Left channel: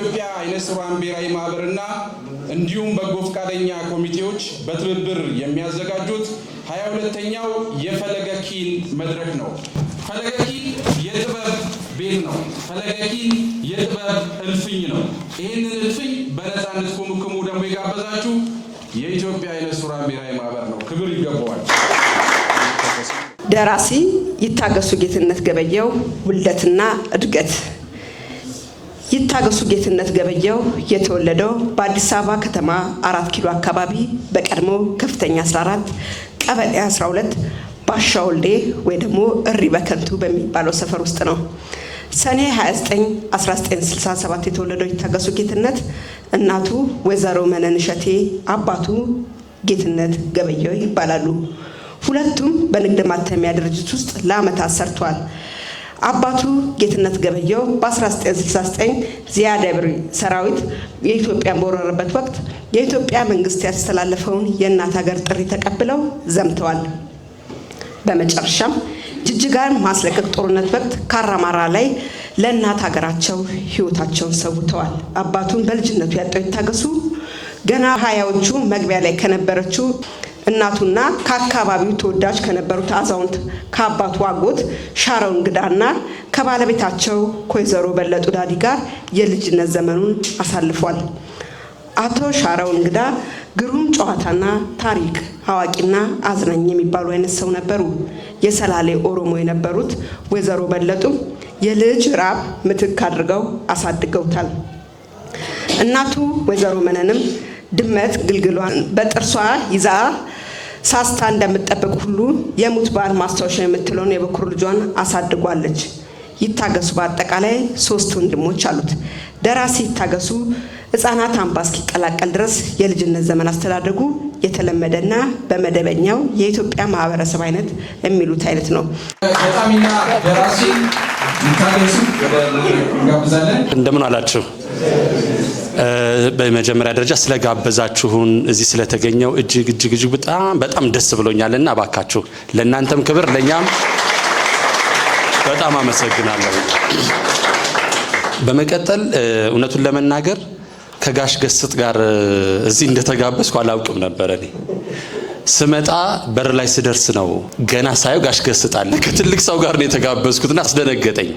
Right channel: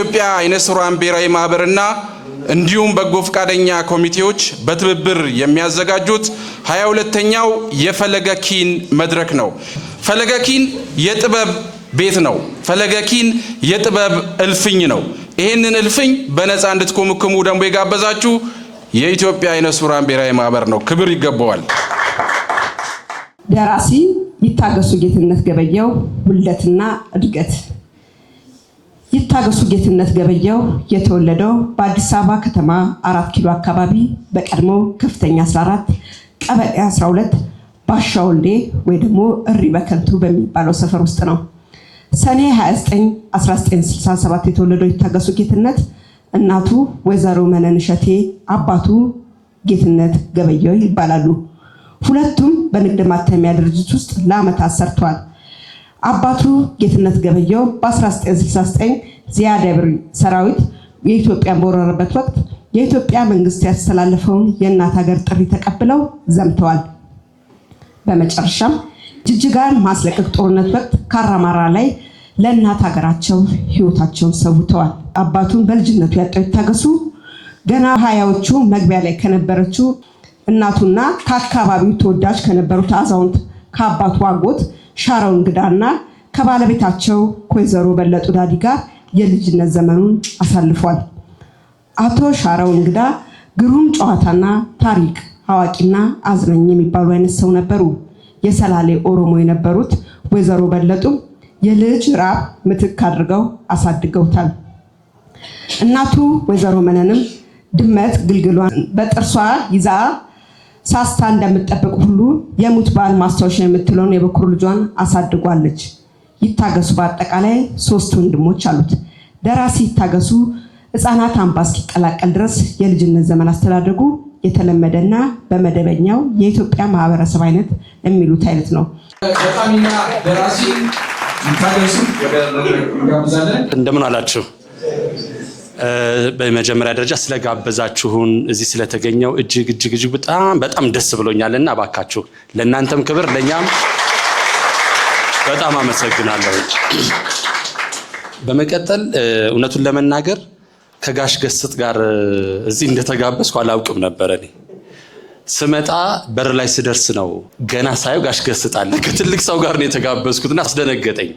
የኢትዮጵያ አይነ ስውራን ብሔራዊ ማህበርና እንዲሁም በጎ ፈቃደኛ ኮሚቴዎች በትብብር የሚያዘጋጁት 22ኛው የፈለገ ኪን መድረክ ነው። ፈለገ ኪን የጥበብ ቤት ነው። ፈለገ ኪን የጥበብ እልፍኝ ነው። ይህንን እልፍኝ በነፃ እንድትኮመኩሙ ደግሞ የጋበዛችሁ የኢትዮጵያ አይነ ስውራን ብሔራዊ ማህበር ነው። ክብር ይገባዋል። ደራሲ ይታገሱ ጌትነት ገበየው ውልደትና እድገት። ይታገሱ ጌትነት ገበየው የተወለደው በአዲስ አበባ ከተማ 4 ኪሎ አካባቢ በቀድሞ ከፍተኛ 14 ቀበሌ 12 ባሻ ወልዴ ወይ ደግሞ እሪ በከንቱ በሚባለው ሰፈር ውስጥ ነው። ሰኔ 29 1967 የተወለደው ይታገሱ ጌትነት እናቱ ወይዘሮ መነን እሸቴ አባቱ ጌትነት ገበየው ይባላሉ። ሁለቱም በንግድ ማተሚያ ድርጅት ውስጥ ለዓመታት ሰርተዋል። አባቱ ጌትነት ገበየው በ1969 ዚያድ ባሬ ሰራዊት የኢትዮጵያን በወረረበት ወቅት የኢትዮጵያ መንግስት ያስተላለፈውን የእናት ሀገር ጥሪ ተቀብለው ዘምተዋል። በመጨረሻም ጅጅጋን ማስለቀቅ ጦርነት ወቅት ካራማራ ላይ ለእናት ሀገራቸው ህይወታቸውን ሰውተዋል። አባቱን በልጅነቱ ያጣው ይታገሱ ገና ሀያዎቹ መግቢያ ላይ ከነበረችው እናቱና ከአካባቢው ተወዳጅ ከነበሩት አዛውንት ከአባቱ አጎት ሻረው እንግዳና ከባለቤታቸው ከወይዘሮ በለጡ ዳዲ ጋር የልጅነት ዘመኑን አሳልፏል። አቶ ሻረው እንግዳ ግሩም ጨዋታና ታሪክ አዋቂና አዝናኝ የሚባሉ አይነት ሰው ነበሩ። የሰላሌ ኦሮሞ የነበሩት ወይዘሮ በለጡ የልጅ ራብ ምትክ አድርገው አሳድገውታል። እናቱ ወይዘሮ መነንም ድመት ግልግሏን በጥርሷ ይዛ ሳስታ እንደምትጠብቅ ሁሉ የሙት ባል ማስታወሻ የምትለውን የበኩር ልጇን አሳድጓለች። ይታገሱ በአጠቃላይ 3 ወንድሞች አሉት። ደራሲ ይታገሱ ሕፃናት አምባ እስኪቀላቀል ድረስ የልጅነት ዘመን አስተዳደጉ የተለመደና በመደበኛው የኢትዮጵያ ማህበረሰብ አይነት የሚሉት አይነት ነው። በጣምና ደራሲ ይታገሱ ጋብዛለን። እንደምን አላችሁ? በመጀመሪያ ደረጃ ስለጋበዛችሁን እዚህ ስለተገኘው እጅግ በጣም ደስ ብሎኛልና ባካችሁ ለእናንተም ክብር ለኛም በጣም አመሰግናለሁ። በመቀጠል እውነቱን ለመናገር ከጋሽ ገስጥ ጋር እዚህ እንደተጋበዝኩ አላውቅም ነበር። እኔ ስመጣ በር ላይ ስደርስ ነው ገና ሳየው ጋሽ ገስጥ አለ። ከትልቅ ሰው ጋር ነው የተጋበዝኩትና አስደነገጠኝ።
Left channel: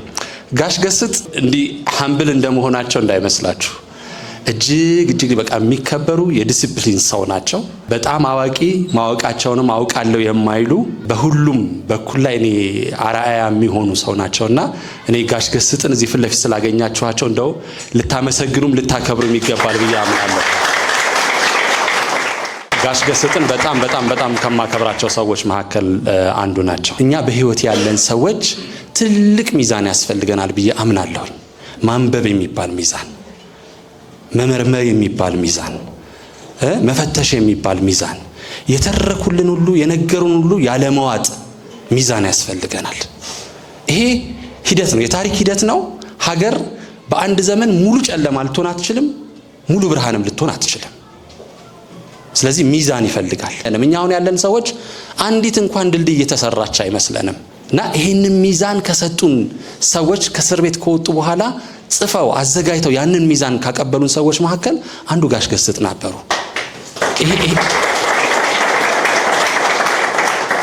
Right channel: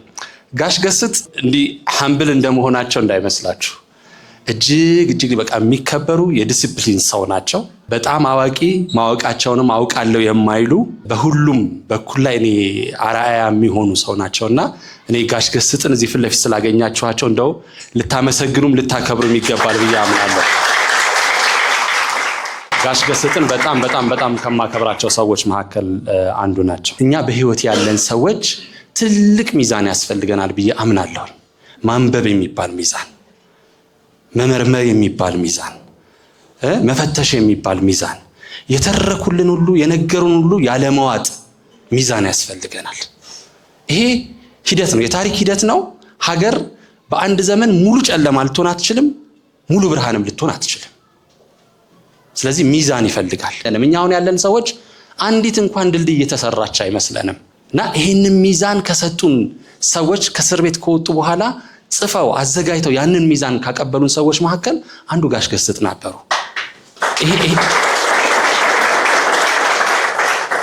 ጋሽ ገስጥ እንዲህ ሀምብል እንደመሆናቸው እንዳይመስላችሁ እጅግ በቃ የሚከበሩ የዲሲፕሊን ሰው ናቸው። በጣም አዋቂ ማወቃቸውንም አውቃለሁ የማይሉ በሁሉም በኩል ላይ እኔ አርአያ የሚሆኑ ሰው ናቸውና እኔ ጋሽ ገስጥን እዚህ ፊት ለፊት ስላገኛችኋቸው እንደው ልታመሰግኑም ልታከብሩም ይገባል ብዬ አምናለሁ። ጋሽ ገስጥን በጣም ከማከብራቸው ሰዎች መካከል አንዱ ናቸው። እኛ በህይወት ያለን ሰዎች ትልቅ ሚዛን ያስፈልገናል ብዬ አምናለሁ። ማንበብ የሚባል ሚዛን፣ መመርመር የሚባል ሚዛን፣ መፈተሽ የሚባል ሚዛን፣ የተረኩልን ሁሉ የነገሩን ሁሉ ያለመዋጥ ሚዛን ያስፈልገናል። ይሄ ሂደት ነው፣ የታሪክ ሂደት ነው። ሀገር በአንድ ዘመን ሙሉ ጨለማ ልትሆን አትችልም፣ ሙሉ ብርሃንም ልትሆን አትችልም። ስለዚህ ሚዛን ይፈልጋል። እኛ አሁን ያለን ሰዎች አንዲት እንኳን ድልድይ እየተሰራች አይመስለንም እና ይሄንን ሚዛን ከሰጡን ሰዎች ከእስር ቤት ከወጡ በኋላ ጽፈው አዘጋጅተው ያንን ሚዛን ካቀበሉን ሰዎች መካከል አንዱ ጋሽ ገስጥ ነበሩ።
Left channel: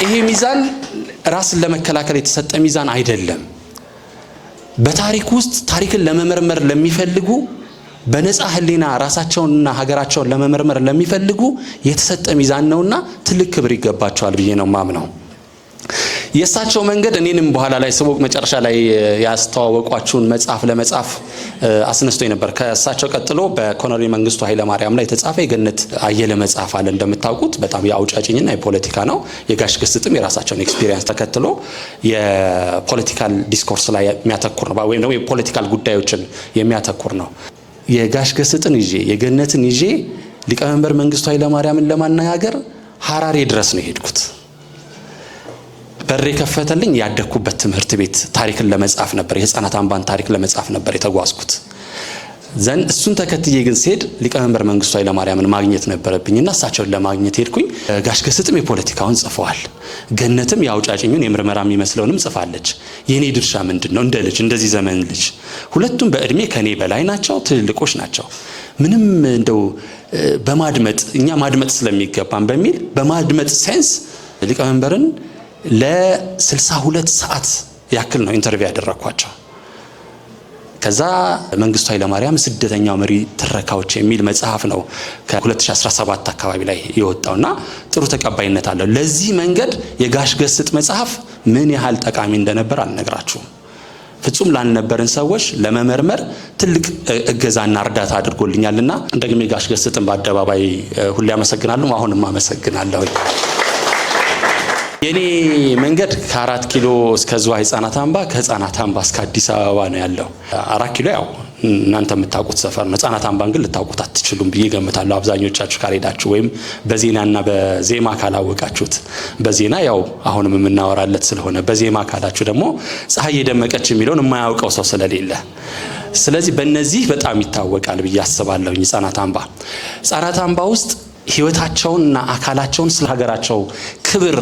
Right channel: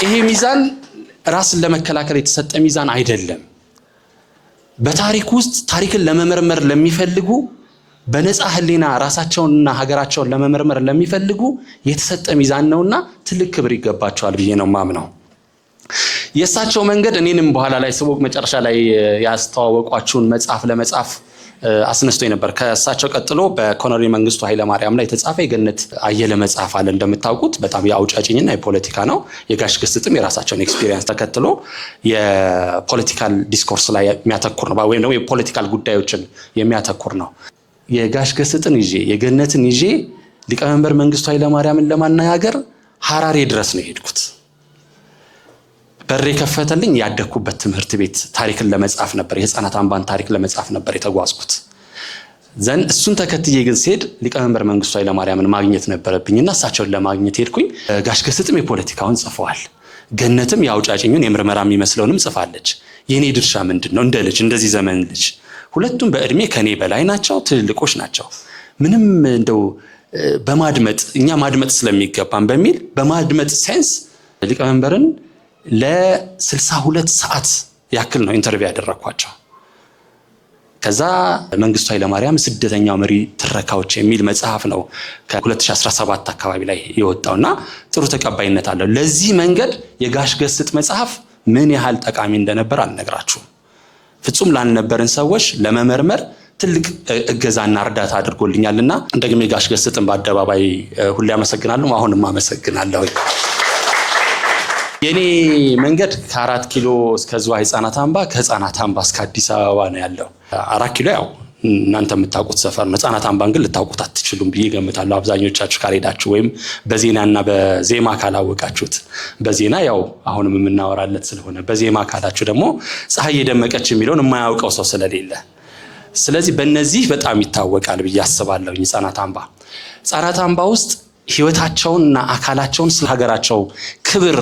ይሄ ሚዛን ራስን ለመከላከል የተሰጠ ሚዛን አይደለም። በታሪክ ውስጥ ታሪክን ለመመርመር ለሚፈልጉ በነፃ ህሊና ራሳቸውንና ሀገራቸውን ለመመርመር ለሚፈልጉ የተሰጠ ሚዛን ነውና ትልቅ ክብር ይገባቸዋል ብዬ ነው ማምነው። የእሳቸው መንገድ እኔንም በኋላ ላይ ስቦቅ መጨረሻ ላይ ያስተዋወቋችሁን መጽሐፍ ለመጻፍ አስነስቶ ነበር። ከእሳቸው ቀጥሎ በኮሎኔል መንግስቱ ኃይለ ማርያም ላይ የተጻፈ የገነት አየለ መጽሐፍ አለ። እንደምታውቁት በጣም የአውጫጭኝና የፖለቲካ ነው። የጋሽ ገስጥም የራሳቸውን ኤክስፒሪየንስ ተከትሎ የፖለቲካል ዲስኮርስ ላይ የሚያተኩር ነው፣ ወይም ደግሞ የፖለቲካል ጉዳዮችን የሚያተኩር ነው። የጋሽ ገስጥን ይዤ የገነትን ይዤ ሊቀመንበር መንግስቱ ኃይለ ማርያምን ለማነጋገር ሐራሬ ድረስ ነው የሄድኩት። በር የከፈተልኝ ያደኩበት ትምህርት ቤት ታሪክን ለመጻፍ ነበር። የህፃናት አምባን ታሪክ ለመጻፍ ነበር የተጓዝኩት። ዘን እሱን ተከትዬ ግን ሲሄድ ሊቀመንበር መንግስቱ ኃይለማርያምን ማግኘት ነበረብኝና እሳቸውን ለማግኘት ሄድኩኝ። ጋሽ ገስጥም የፖለቲካውን ጽፈዋል። ገነትም ያውጫጭኙን የምርመራ የሚመስለውንም ጽፋለች። የኔ ድርሻ ምንድነው? እንደ ልጅ እንደዚህ ዘመን ልጅ ሁለቱም በእድሜ ከኔ በላይ ናቸው፣ ትልልቆች ናቸው። ምንም እንደው በማድመጥ እኛ ማድመጥ ስለሚገባን በሚል በማድመጥ ሴንስ ሊቀመንበርን ለ62 ሰዓት ያክል ነው ኢንተርቪው ያደረኳቸው። ከዛ መንግስቱ ኃይለማርያም ስደተኛው መሪ ትረካዎች የሚል መጽሐፍ ነው ከ2017 አካባቢ ላይ የወጣውና ጥሩ ተቀባይነት አለው። ለዚህ መንገድ የጋሽ ገስጥ መጽሐፍ ምን ያህል ጠቃሚ እንደነበር አልነግራችሁም። ፍጹም ላልነበረን ሰዎች ለመመርመር ትልቅ እገዛና እርዳታ አድርጎልኛልና እንደግሜ ጋሽ ገስጥን በአደባባይ ሁሌ አመሰግናለሁ። አሁንም አመሰግናለሁ። የኔ መንገድ ከ4 ኪሎ እስከ ዝዋይ ህፃናት አምባ፣ ከህፃናት አምባ እስከ አዲስ አበባ ነው ያለው። 4 ኪሎ ያው እናንተ የምታውቁት ሰፈር ነው። ህፃናት አምባን ግን ልታውቁት አትችሉም ብዬ ገምታለሁ። አብዛኞቻችሁ ካልሄዳችሁ ወይም በዜናና በዜማ ካላወቃችሁት፣ በዜና ያው አሁንም የምናወራለት ስለሆነ በዜማ ካላችሁ ደግሞ ፀሐይ የደመቀች የሚለውን የማያውቀው ሰው ስለሌለ፣ ስለዚህ በእነዚህ በጣም ይታወቃል ብዬ አስባለሁ። ህፃናት አምባ ውስጥ ህይወታቸውንና አካላቸውን ስለ ሀገራቸው ክብር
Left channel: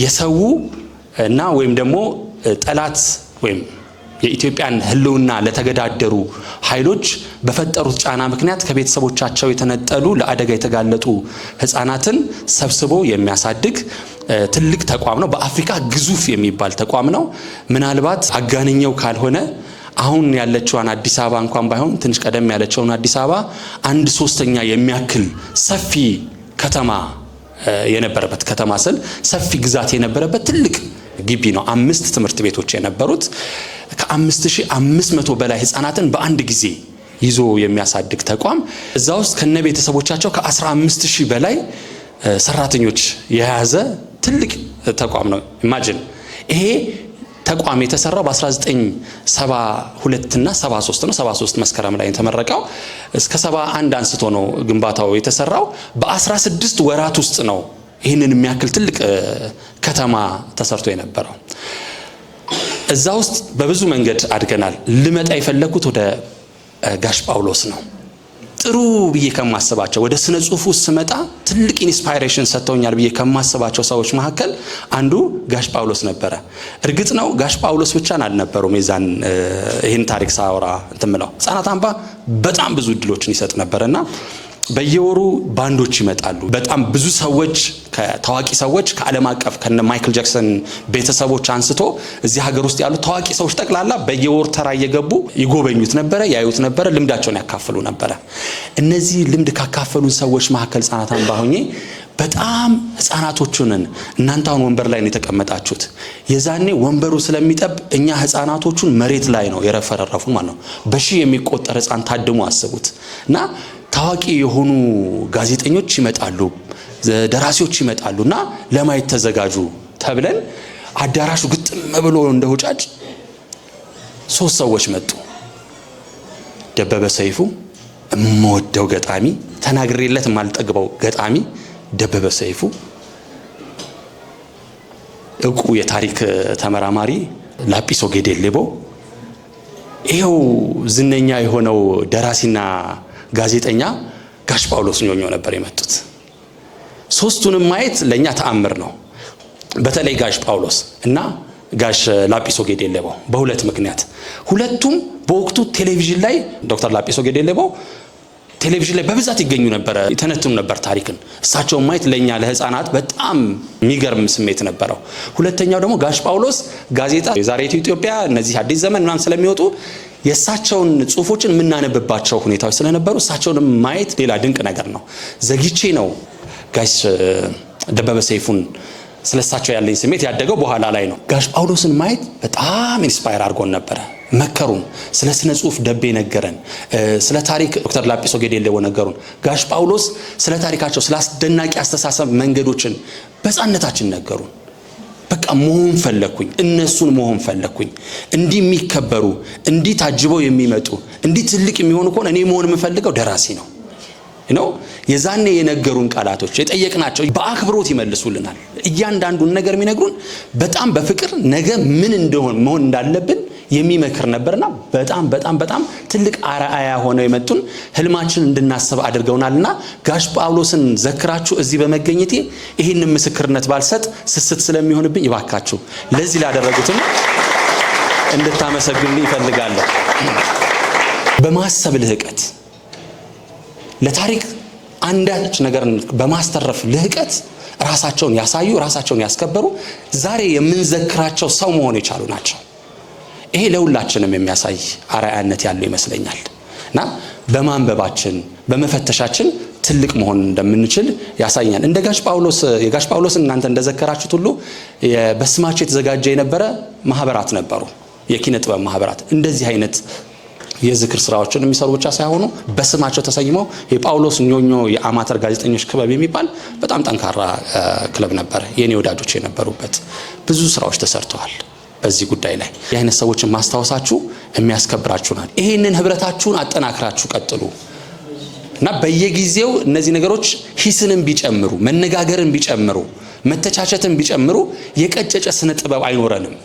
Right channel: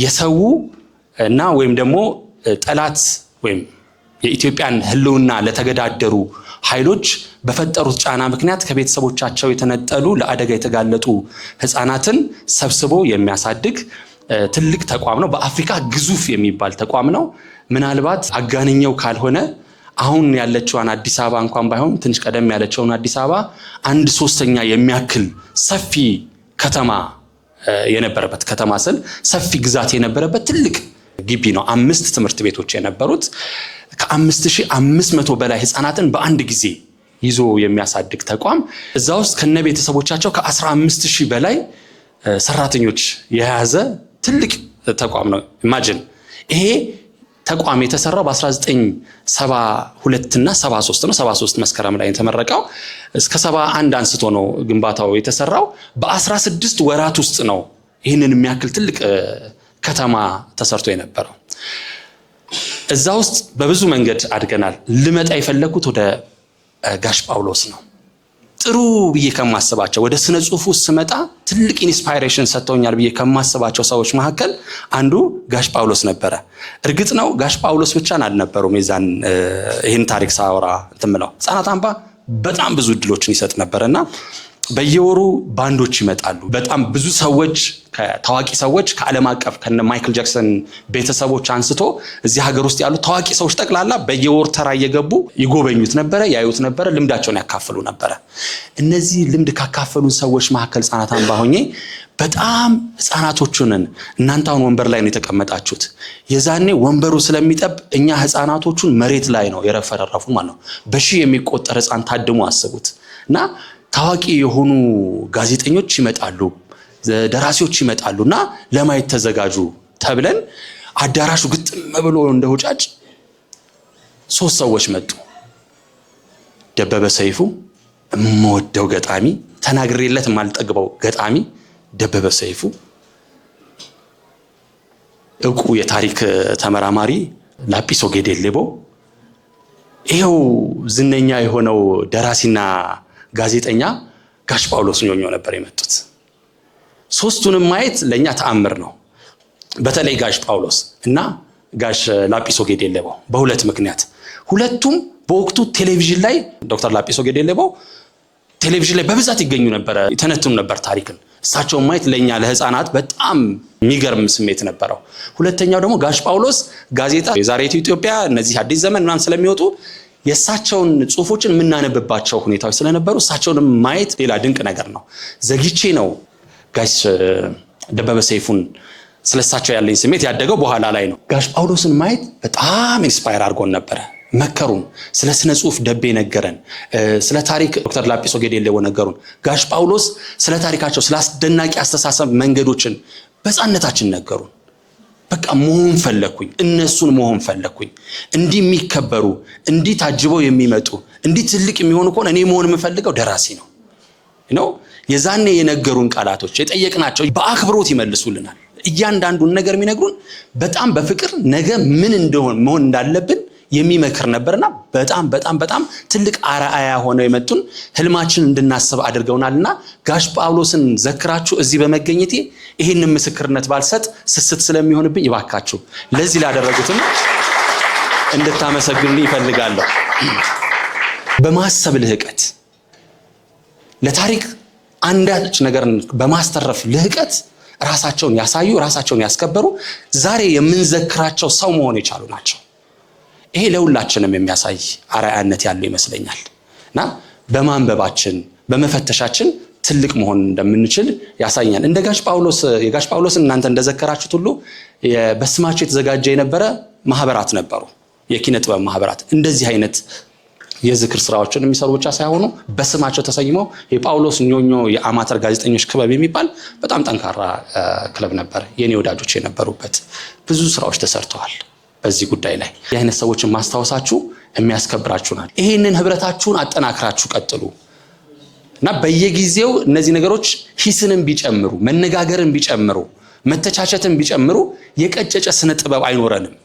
የሰው እና ወይም ደግሞ ጠላት ወይም የኢትዮጵያን ህልውና ለተገዳደሩ ኃይሎች በፈጠሩት ጫና ምክንያት ከቤተሰቦቻቸው የተነጠሉ ለአደጋ የተጋለጡ ህፃናትን ሰብስቦ የሚያሳድግ ትልቅ ተቋም ነው። በአፍሪካ ግዙፍ የሚባል ተቋም ነው። ምናልባት አጋንኛው ካልሆነ አሁን ያለችዋን አዲስ አበባ እንኳን ባይሆን ትንሽ ቀደም ያለችውን አዲስ አበባ 1/3 የሚያክል ሰፊ ከተማ የነበረበት ከተማ ስል ሰፊ ግዛት የነበረበት ትልቅ ግቢ ነው። 5 ትምህርት ቤቶች የነበሩት ከ5500 በላይ ህፃናትን በአንድ ጊዜ ይዞ የሚያሳድግ ተቋም፣ እዛ ውስጥ ከነ ቤተሰቦቻቸው ከ15000 በላይ ሰራተኞች የያዘ ትልቅ ተቋም ነው። ኢማጂን ይሄ ተቋም የተሰራው በ1972 እና 73 ነው። 73 መስከረም ላይ የተመረቀው እስከ 71 አንስቶ ነው ግንባታው የተሰራው። በ16 ወራት ውስጥ ነው ይህንን የሚያክል ትልቅ ከተማ ተሰርቶ የነበረው። እዛ ውስጥ በብዙ መንገድ አድገናል። ልመጣ የፈለኩት ወደ ጋሽ ጳውሎስ ነው። ጥሩ ብዬ ከማስባቸው ወደ ስነ ጽሁፉ ስመጣ ትልቅ ኢንስፓይሬሽን ሰጥተውኛል ብዬ ከማስባቸው ሰዎች መካከል አንዱ ጋሽ ጳውሎስ ነበረ። እርግጥ ነው ጋሽ ጳውሎስ ብቻን አልነበሩም። ይህን ታሪክ ሳወራ እንትምለው ህፃናት አምባ በጣም ብዙ እድሎችን ይሰጥ ነበርና በየወሩ ባንዶች ይመጣሉ። በጣም ብዙ ሰዎች ከታዋቂ ሰዎች ከዓለም አቀፍ ከነ ማይክል ጃክሰን ቤተሰቦች አንስቶ እዚህ ሀገር ውስጥ ያሉ ታዋቂ ሰዎች ጠቅላላ በየወር ተራ እየገቡ ይጎበኙት ነበር፣ ያዩት ነበር፣ ልምዳቸውን ያካፍሉ ነበር። እነዚህ ልምድ ካካፈሉን ሰዎች መካከል ህፃናት አምባ ሆኜ በጣም ህፃናቶቹን እናንተ አሁን ወንበር ላይ ነው የተቀመጣችሁት፣ የዛኔ ወንበሩ ስለሚጠብ እኛ ህፃናቶቹን መሬት ላይ ነው የረፈረፉ ማለት ነው። በሺህ የሚቆጠር ህፃን ታድሞ አስቡት። እና ታዋቂ የሆኑ ጋዜጠኞች ይመጣሉ፣ ደራሲዎች ይመጣሉና ለማየት ተዘጋጁ ተብለን አዳራሹ ግጥም ብሎ እንደውጫጭ 3 ሰዎች መጡ። ደበበ ሰይፉ እምወደው ገጣሚ፣ ተናግሬለት ማልጠግበው ገጣሚ ደበበ ሰይፉ፣ እውቁ የታሪክ ተመራማሪ ላጲሶ ጌዴሌቦ፣ ይሄው ዝነኛ የሆነው ደራሲና ጋዜጠኛ ጋሽ ጳውሎስ ኞኞ ነበር የመጡት። 3ቱንም ማየት ለኛ ተአምር ነው። በተለይ ጋሽ ጳውሎስ እና ጋሽ ላጲሶ ጌዴሌቦ በሁለት ምክንያት። ሁለቱም በወቅቱ ቴሌቪዥን ላይ ዶክተር ላጲሶ ጌዴሌቦ ቴሌቪዥን ላይ በብዛት ይገኙ ነበር፣ ተነትኑ ነበር ታሪክን። እሳቸውን ማየት ለኛ ለህፃናት በጣም የሚገርም ስሜት ነበረው። ሁለተኛው ደግሞ ጋሽ ጳውሎስ ጋዜጣ የዛሬቱ ኢትዮጵያ እነዚህ አዲስ ዘመን ምናምን ስለሚወጡ የእሳቸውን ጽሁፎችን የምናነብባቸው ሁኔታዎች ስለነበሩ እሳቸውንም ማየት ሌላ ድንቅ ነገር ነው። ዘግቼ ነው ጋሽ ደበበ ሰይፉን ስለሳቸው ያለኝ ስሜት ያደገው በኋላ ላይ ነው። ጋሽ ጳውሎስን ማየት በጣም ኢንስፓየር አድርጎን ነበረ። መከሩን፣ ስለ ስነ ጽሁፍ ደቤ ነገረን፣ ስለ ታሪክ ዶክተር ላጲሶ ጌዴሌቦ ነገሩን። ጋሽ ጳውሎስ ስለ ታሪካቸው ስለ አስደናቂ አስተሳሰብ መንገዶችን በጻነታችን ነገሩን። በቃ መሆን ፈለኩኝ፣ እነሱን መሆን ፈለኩኝ። እንዲህ የሚከበሩ እንዲህ ታጅበው የሚመጡ እንዲህ ትልቅ የሚሆኑ ከሆነ እኔ መሆን የምፈልገው ደራሲ ነው ነው። የዛኔ የነገሩን ቃላቶች የጠየቅናቸው በአክብሮት ይመልሱልናል። እያንዳንዱን ነገር የሚነግሩን በጣም በፍቅር ነገ ምን እንደሆን መሆን እንዳለብን የሚመክር ነበርና በጣም ትልቅ አርአያ ሆነው የመጡን ህልማችን እንድናስብ አድርገውናልና ጋሽ ጳውሎስን ዘክራችሁ እዚህ በመገኘቴ ይህንን ምስክርነት ባልሰጥ ስስት ስለሚሆንብኝ ይባካችሁ ለዚህ ላደረጉትም እንድታመሰግኑልኝ ይፈልጋለሁ። በማሰብ ልህቀት ለታሪክ አንዳች ነገር በማስተረፍ ልህቀት ራሳቸውን ያሳዩ ራሳቸውን ያስከበሩ ዛሬ የምንዘክራቸው ሰው መሆን የቻሉ ናቸው። ይሄ ለሁላችንም የሚያሳይ አርአያነት ያለው ይመስለኛል እና በማንበባችን በመፈተሻችን ትልቅ መሆን እንደምንችል ያሳያል። እንደ የጋሽ ጳውሎስን እናንተ እንደዘከራችሁት ሁሉ በስማቸው የተዘጋጀ የነበረ ማህበራት ነበሩ፣ የኪነ ጥበብ ማህበራት። እንደዚህ አይነት የዝክር ስራዎችን የሚሰሩ ብቻ ሳይሆኑ በስማቸው ተሰይመው የጳውሎስ ኞኞ የአማተር ጋዜጠኞች ክበብ የሚባል በጣም ጠንካራ ክለብ ነበር። የኔ ወዳጆች የነበሩበት ብዙ ስራዎች ተሰርተዋል። በዚህ ጉዳይ ላይ የአይነት ሰዎችን ማስታወሳችሁ የሚያስከብራችሁናል። ይሄንን ህብረታችሁን አጠናክራችሁ ቀጥሉ እና በየጊዜው እነዚህ ነገሮች ሂስንም ቢጨምሩ መነጋገርን ቢጨምሩ መተቻቸትን ቢጨምሩ የቀጨጨ ስነ ጥበብ አይኖረንም፣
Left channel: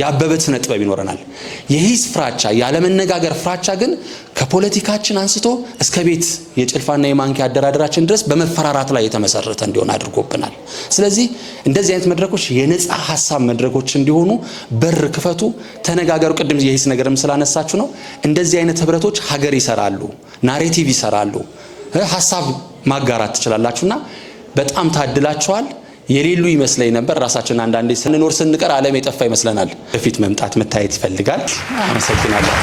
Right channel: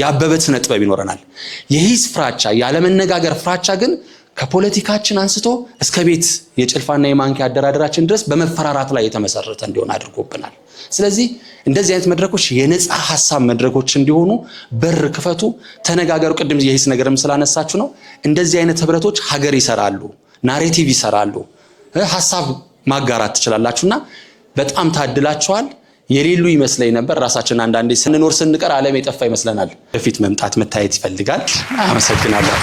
ያበበ ስነ ጥበብ ይኖረናል። የሂስ ፍራቻ ያለመነጋገር ፍራቻ ግን ከፖለቲካችን አንስቶ እስከ ቤት የጭልፋና የማንኪያ አደራደራችን ድረስ በመፈራራት ላይ የተመሰረተ እንዲሆን አድርጎብናል። ስለዚህ እንደዚህ አይነት መድረኮች የነጻ ሐሳብ መድረኮች እንዲሆኑ በር ክፈቱ፣ ተነጋገሩ። ቅድም የሂስ ነገርም ስላነሳችሁ ነው። እንደዚህ አይነት ህብረቶች ሀገር ይሰራሉ፣ ናሬቲቭ ይሰራሉ፣ ሐሳብ ማጋራት ትችላላችሁና በጣም ታድላችኋል። የሌሉ ይመስለኝ ነበር። ራሳችን አንዳንዴ ስንኖር ስንቀር ዓለም የጠፋ ይመስለናል። በፊት መምጣት መታየት ይፈልጋል። አመሰግናለሁ።